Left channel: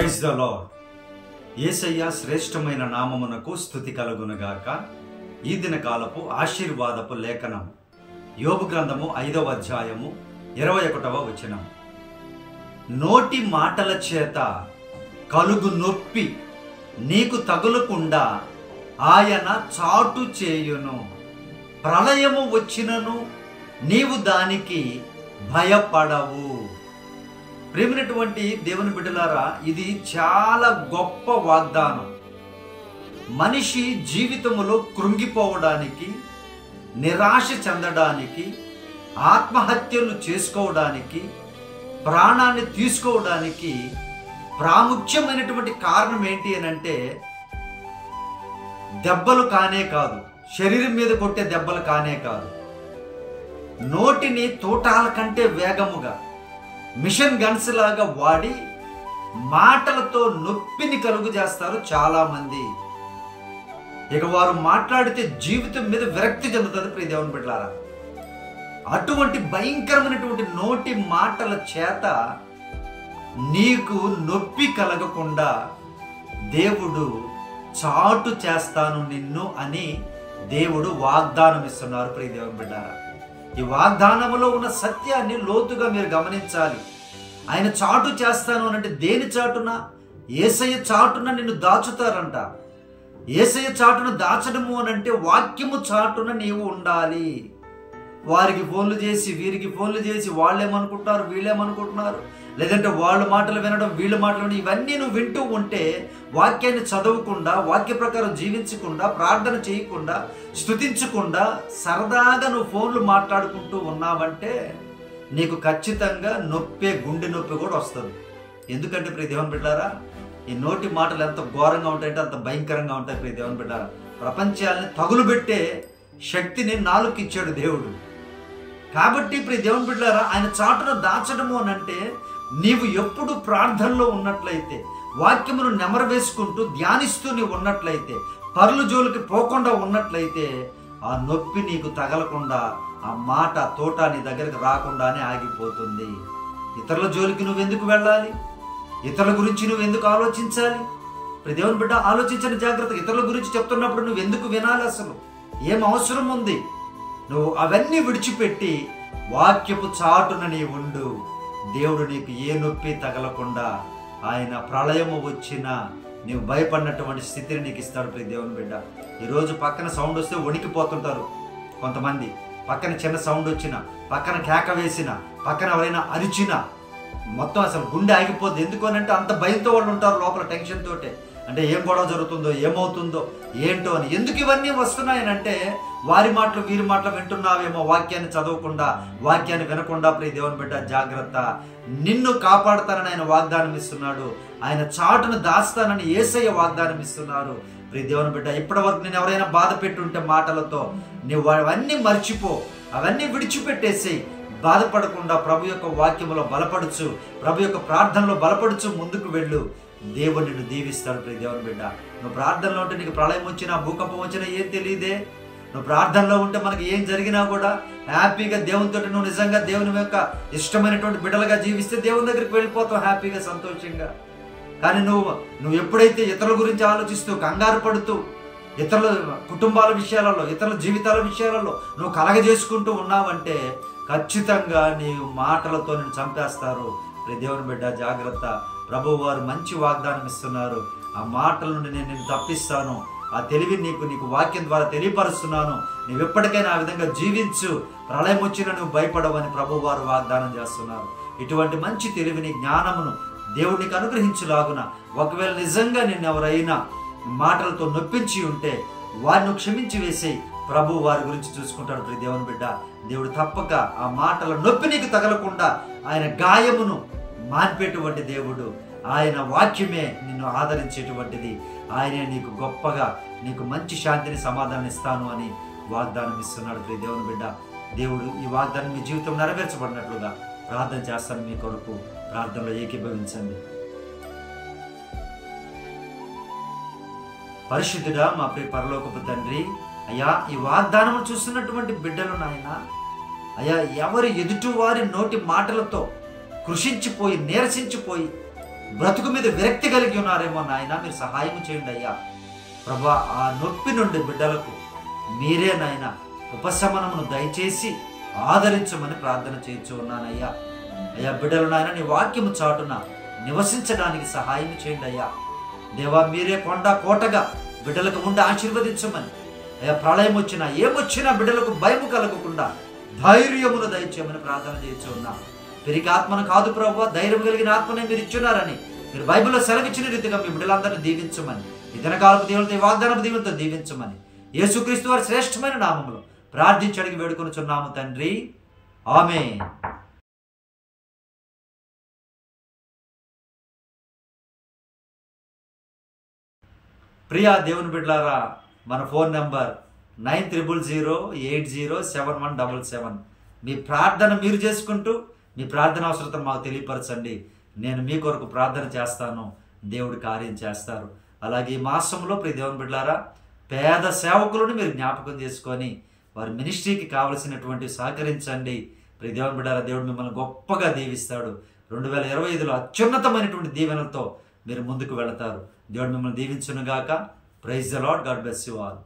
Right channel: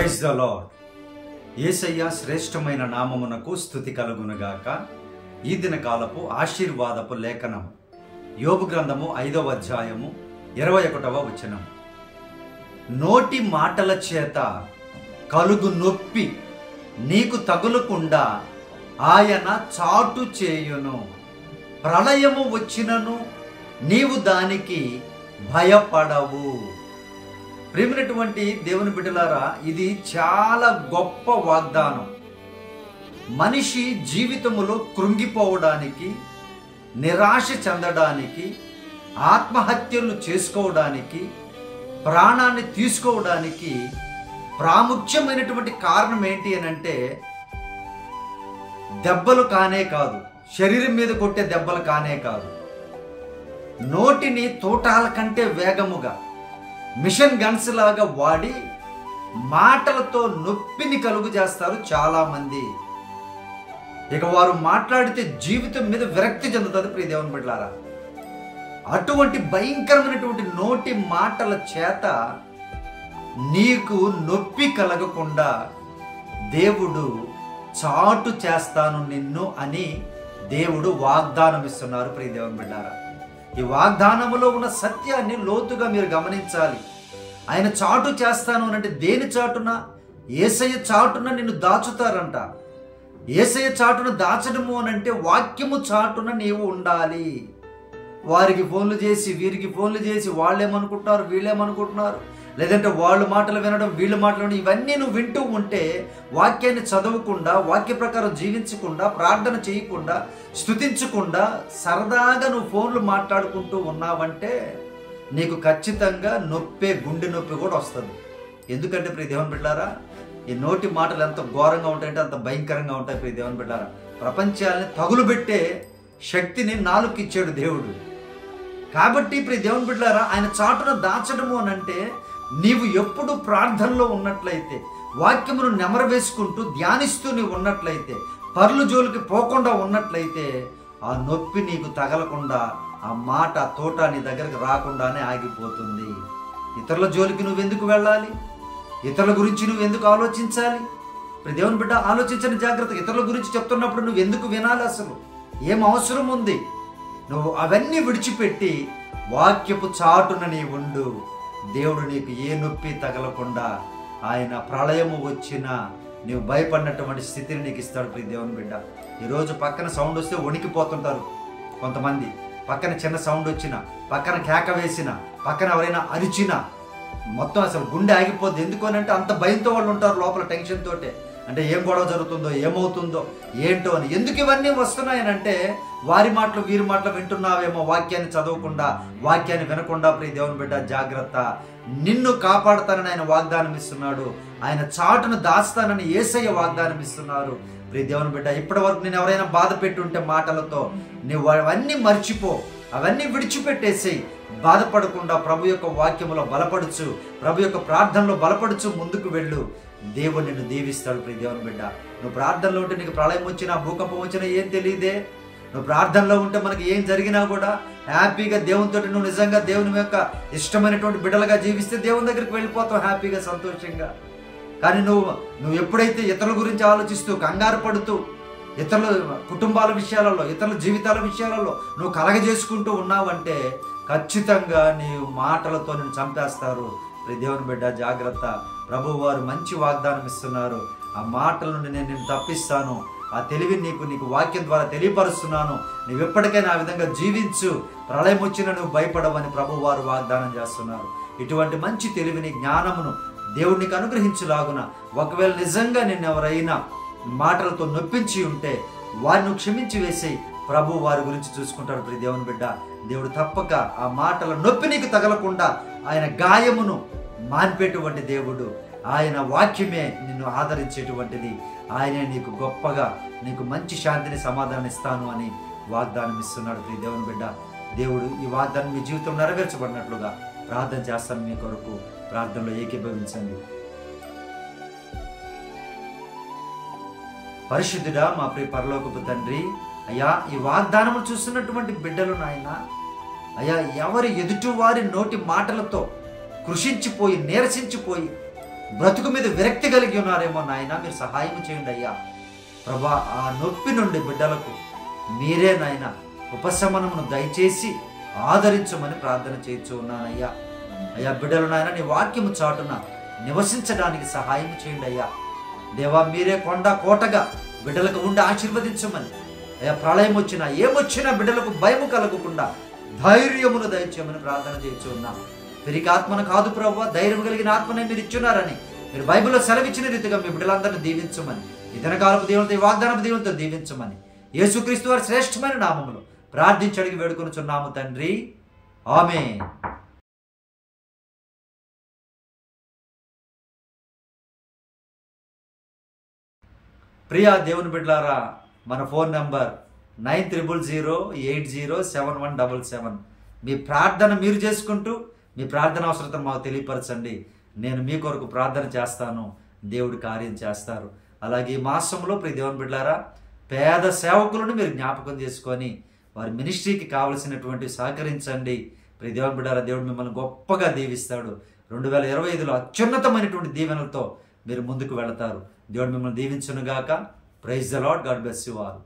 Praise the lord. యేసయ్య శ్రేష్టమైన నామమునకు స్తుతి కలుగునుగాక. ఈ దిన కాలపు ఆశీర్వాదపు లేఖనం యోబు గ్రంథము 5వ అధ్యాయము 21వ వచనం. నోటి మాటల చేత కలుగు నొప్పి నీకు తగులకుండా ఆయన చాటు చేయును. ప్రళయము వచ్చినను నీవు దానికి భయపడవు. ప్రేమైనటువంటి దేవుని బిడ్డలారా, ఇది చాలా గొప్ప వాగ్దానం. మనిషి జీవితములో కృంగిపోవడానికి, నిరాశ చెందడానికి, ఆత్మహత్యలు చేసుకోవడానికి, ప్రాణాన్ని తీసుకోవడానికి ప్రాముఖ్యమైనటువంటి కారణం ఏంటి అని అంటే దెబ్బలు కానే కాదు, శరీరం మీద కొట్టే దెబ్బలు కానే కాదు, నోటిని తూటాల కంటే వేగముగా మిషన్ గన్స్ లాగా వాడి మాటలతో నొప్పిని కలుగు చేస్తారు చాలా మంది. ఇక వారు మాట్లాడితే జీవితం మీద విరక్తి చెందుతుంది. ప్రియ దేవుని బిడ్డలారా, అటువంటి భయంకరమైనటువంటి నోటి మాటల చేత నీకు నొప్పి కలగకుండా దేవుడు చాటు చేస్తాను నిన్ను అని దేవుడు వాగ్దానం ఇస్తున్నారు. ప్రియ దేవుని బిడ్డలారా, ఈ వాగ్దానములో ఉన్న సత్యాన్ని లోతుగా మీరు గమనించాలి. ఆయన చాటు చేస్తాను అని అంటే దేని చాటున? యేసయ్య చాటున నిన్ను దాచుతారంట. యేసయ్య చాటున దాచడము అని అంటే వాక్యము చాటున నీవు ఉండాలి. వారికి ఫోన్లు చేసి వీరికి ఫోన్లు చేసి వాళ్ళేమనుకుంటున్నారు వీళ్ళేమనుకుంటున్నారు, లేదంటే వాళ్ళ మాటలు వినడం వీళ్ళ మాటలు వినడం, ఇవన్నీ నువ్వు వింటూ ఉంటే వాక్యాన్ని చదవకుండా, వాక్య ప్రకారం జీవించకుండా, ప్రార్థన చేయకుండా, స్తుతించకుండా సరదాగా నువ్వు ఫోన్లు మాట్లాడుకుంటూ ఉన్నావంటే నీకు ఖచ్చితంగా నొప్పే, గుండె నొప్పి కూడా వస్తుంది. ఎందుకంటే ప్రియ దేవుని బిడ్డలారా, ఈ నోటి మాటలు ఎంత ఘోరంగా ఉంటాయంటే అంత భయంకరంగా ఉంటాయి. ప్రియ దేవుని బిడ్డలారా, ప్రపంచాలని తగులు పెట్టే శక్తిని నాలుగుకి ఇచ్చాడు దేవుడు. కాబట్టి ప్రియ దేవుని బిడ్డలారా, ఆయన చాటున దాచడము అని అంటే నీవు ఎప్పుడు ప్రార్థనలో ఉన్నట్లయితే, వాక్యమును నెమరు వేసుకుంటూ ధ్యానిస్తూ నీవు ఉన్నట్లయితే, పర్లు జోలికి పోకుండా ఉన్నట్లయితే ఆ నొప్పి నీకు తగలకుండా, ఆ మాట తోట నీ దగ్గరకు రాకుండానే ఆగిపోతుంది. ఇతరుల జోలికి నువ్వెందుకు వెళ్ళాలి? ఇతరుల గురించి నువ్వెందుకు ఆలోచించాలి? ప్రియ దేవుని బిడ్డ, ఆలోచించని జాగ్రత్త. ఇతరుల గురించి చెప్తున్నప్పుడు నువ్వెందుకు వినాలి? అసలు ఏం అవసరం ఉంది? నువ్వు అవన్నీ విడిచిపెట్టి వాక్యపు చాటున నీ ఉండు. దేవుడు నీకు ఏ నొప్పి తగలకుండా, ఆయన ప్రళయము వచ్చినా నీవు భయపడినటువంటి స్థితిని నీకు ఇస్తాడు. ప్రియ దేవుని బిడ్డ, ఈరోజు పక్కన సౌండ్ వస్తే వణికిపోతుంటారు కొంతమంది. పక్కన చిన్న సౌండ్ వచ్చినా, పక్కన కేక వేసినా, పక్కన ఎవరైనా అరిచినా మొత్తం అసలు గుండె ఆగిపోద్ది. ఎందుకు అని అంటే అంత భయంతో వాళ్ళు ఉంటారు లోపల, టెన్షన్ తోటే. అంటే ఏం గొడవ జరుగుతుందో, ఏమవుతుందో, ఏంటో అని. ఎందుకు ఇవన్నీ వస్తున్నాయనంటే వారి మాటలు వీరి మాటలు వింటున్నావేమో, వాక్యాన్ని చదవకుండా, వాక్యాన్ని వినకుండా. ప్రియ దేవుని బిడ్డ, జాగ్రత్త. నిన్ను కాపాడుతానని ఆయన వాగ్దానం ఇస్తున్నాడు. ఆయన చాటును దాస్తానని యేసయ్య వాగ్దానం ఇస్తున్నారు. ప్రియ దేవుని బిడ్డ, ఇప్పటి వరకు నేను ఎవరైనా బాధ పెట్టుంటే మాటలతో, నువ్వు అవన్నీ మర్చిపో, అవన్నీ విడిచిపెట్టేసి బాధపడకుండా ప్రభు యొక్క వాక్యములో బలపడుచు, ప్రభు యొక్క ప్రార్థనలో బలపడుచు ముందుకు వెళ్ళు. దేవుడు నిన్ను దీవిస్తాడు. ప్రియ దేవుని బిడ్డ, నువ్వు ప్రార్థనలో ఉంటే నీకు ప్రళయం వచ్చినా, భూకంపం వచ్చినా ఏం తెలియదే. నువ్వు ప్రార్థనలో ఉంటే మనకి ఏం జరిగినా కూడా హ్యాపీగా దేవునితో నువ్వు నిజంగా దేవుని యొక్క ఇష్టమైనటువంటి బిడ్డలుగా జీవిస్తే దేవుని దగ్గరికి వెళ్ళిపోతావు హ్యాపీగా, సంతోషంగా. కానీ నువ్వు ఎప్పుడైతే ఇతరుల గురించి ఆలోచిస్తూ, కంగారు పడుతూ, ఇతరుల కుటుంబాల విషయాలలో, ఇతరుల జీవితాల విషయాలలో నువ్వు కలగజేసుకుంటూ ఉన్నావంటే ఖచ్చితంగా నీ మాటలతో నిన్ను చంపేస్తారు. ప్రియ దేవుని బిడ్డ, జాగ్రత్త. ప్రభువు వారు మంచి వాగ్దానం ఇస్తున్నారు. ఆ మాటల నుండి నేను నిన్ను తప్పిస్తాను, ఆ తెలివిని నీకు వాక్యం ద్వారా తెలియపరుస్తున్నాను, నువ్వు ఎప్పటికైనా ఆ విధంగా జీవించు, ప్రళయం వచ్చినా నువ్వు భయపడవని ప్రభువు వారు వాగ్దానం చేస్తున్నారు. ఇటువంటి మంచి తెలివిని, జ్ఞానమును దేవుడు నీకు అనుగ్రహించులాగున, ఒకవేళ నిజంగా నిన్ను ఎవరైనా మాటలతో నొప్పించి ఉంటే వారిని క్షమించి వేసి ప్రభు వారి గురించి చూసుకుంటాడు. ప్రియ దేవుని బిడ్డ, దేవుడు తప్పక ఆ మాటల నొప్పి నీకు తగలకుండా ఆయన గాయమును మాన్పేటువంటి దేవుడు. ఆయన వాక్యమే నిన్ను ఆదరించేటువంటిది. ఆయనే నీకు గొప్పగా, నీకు మంచి శాంతిని, సమాధానం ఇస్తాను అని వాగ్దానం ఇస్తున్నాడు. ప్రియ దేవుని బిడ్డ, దేవుడు ఈ వాగ్దానం మీ జీవితం నెరవేర్చబడినట్లుగా ప్రార్థన చేస్తాను. మీ కొరకు ప్రార్థనలో ఏకీభవించండి. పరిశుద్ధుడా, మా ప్రియ పరలోకపు తండ్రి, అయ్యా, ఈ వాగ్దానము చూస్తున్నటువంటి బిడ్డలు నాయన, అయ్యా, ఎవరి ఎదుటి వారి నోటి మాటలతో కృషించిపోయి, నీరసించిపోయి, బ్రతుకు మీద విరక్తి కలిగి ఉన్నారేమో నాయన, మీరు సహాయం చేయండి అయ్యా. ప్రభా, ఆ నొప్పి నుండి బిడ్డలకు మీరే నాయన ఉపశమనమును దయచేసి ఆదరించమని ప్రార్థన చేయించు ఉన్నానయ్యా. అయ్యా, బిడ్డలు నాయన నీ వాక్యము చాటున నివసించడానికి సహాయం చేయండి అయ్యా. దేవా, మీరే కొండ కోటగా బిడ్డలకు ఉండి ఆశీర్వదించమని, అయ్యా ప్రళయం వచ్చినా ఏమొచ్చినా బిడ్డలకు భయము కలగకుండా ధైర్యమును దయచేయమని ప్రార్థన చేయించు ఉన్నా. పెరిగి ఆత్మను కాదు ప్రభువా, ధైర్యం కలిగిన ఆత్మనే మీరు ఇచ్చున్నారని మీరు బైబిల్లో సెలవిచ్చిన రీతిగా మీ బిడ్డలందరినీ దీవించమని, ఈ దినకాలపు దేవులతో ఈ వాగ్దానపు దేవులతో దీవించమని యేసుక్రీస్తు వారి శ్రేష్టమైన నామములో ప్రార్థించి అడిగి వేడుకొనుచున్నాము తండ్రి, ఆమేన్. ప్రియా దేవుని బిడ్డలారా, మన ఫోన్ నంబర్ 9000807177. మీ ప్రార్థన మీరు చేసుకుంటూ మీ ప్రార్థన అవసరతను మాకు తెలియపరచండి. నేను మీ కొరకు ప్రార్థన చేస్తాను, దేవుడు కార్యం చేస్తారు. అలాగే ఈ మాసంలో ప్రియ దేవుని బిడ్డలారా, పేద సేవకులను మీరు జ్ఞాపకం చేసుకొని వారి మినిస్ట్రీకి కావలసినటువంటి సహకరించండి. ప్రియ దేవుని బిడ్డలారా, దేవుడు మిమ్మల్ని గొప్పగా దీవిస్తాడు. 2025లో అత్యున్నతమైనటువంటి దీవెనలతో మీరు ముందుకు వెళతారు. దేవుడు మిమ్మల్ని దీవించునుగాక. Praise the Lord. God bless you all.